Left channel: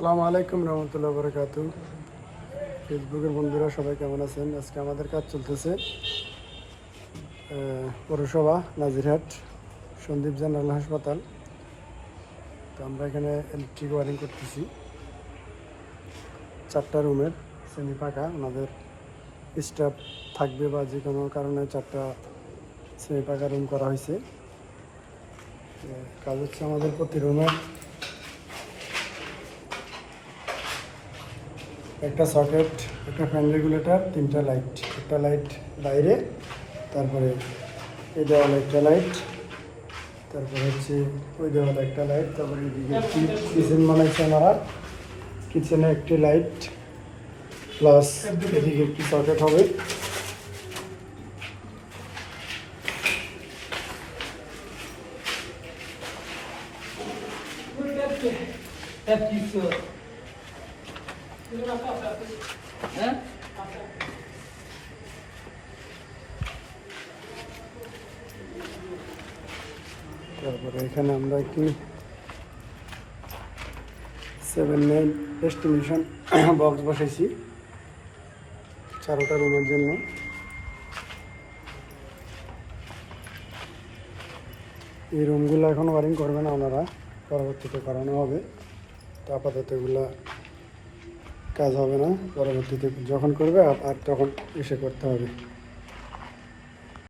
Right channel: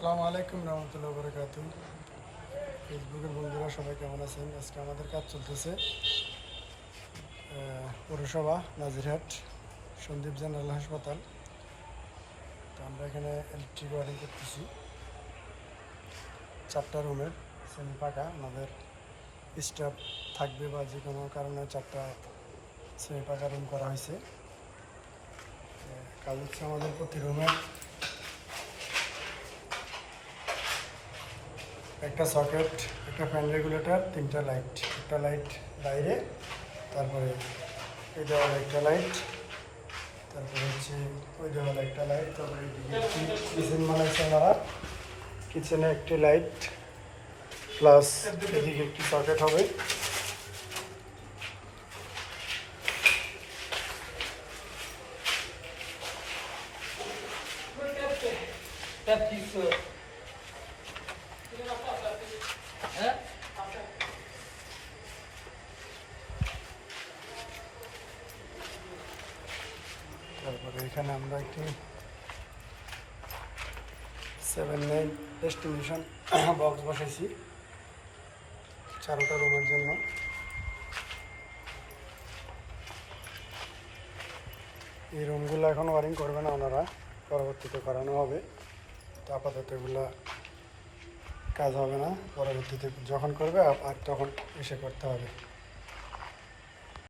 আসসালামু আলাইকুম রহমতুল্লাহ বরকাতু। ফেসবুকের বন্ধুরা সবাই কেমন আছেন? আজকে আমাদের কাজ চলতেছে পৌরসভা নাজিরহাট সন্দীপ জেনারেল হাসপাতাল। তো আমরা এখানে ইলেকট্রিক ওয়ারিং করতেছি। 4টা রুমের সেমি পাকা, ওনাদের স্টাফ থাকবে বা যে কোনো কারণে 4টা সেমি পাকা রুম করা হয়েছে। কাজ হচ্ছে আমাদের প্রতি রুমে একটা সকেট, একটা ফ্যান রেগুলেটর, 3টা লাইট, একটা লাইট বাইরে, তারপরে এই দেওয়ালে একটা লাইট, তারপরে হচ্ছে ওই দেওয়ালে একটা লাইট, তারপরে এদিকে কিচেন বানাইছে আমরা, কিচেনে একটি লাইট প্লাস এদিকে একটি সকেট হবে। তারপরে এখানে আমরা একটি 7-9 এস্টিমেশন বক্স বসেছি 4টা রুমের জন্য। এই রুমগুলো এখন ওয়ারিং করবে না ওনারা, পরবর্তীতে করানো হবে। তো আপাতত এগুলো কাজ হবে না, পরবর্তীতে যখন করবে আর তখন এসে করতে হবে।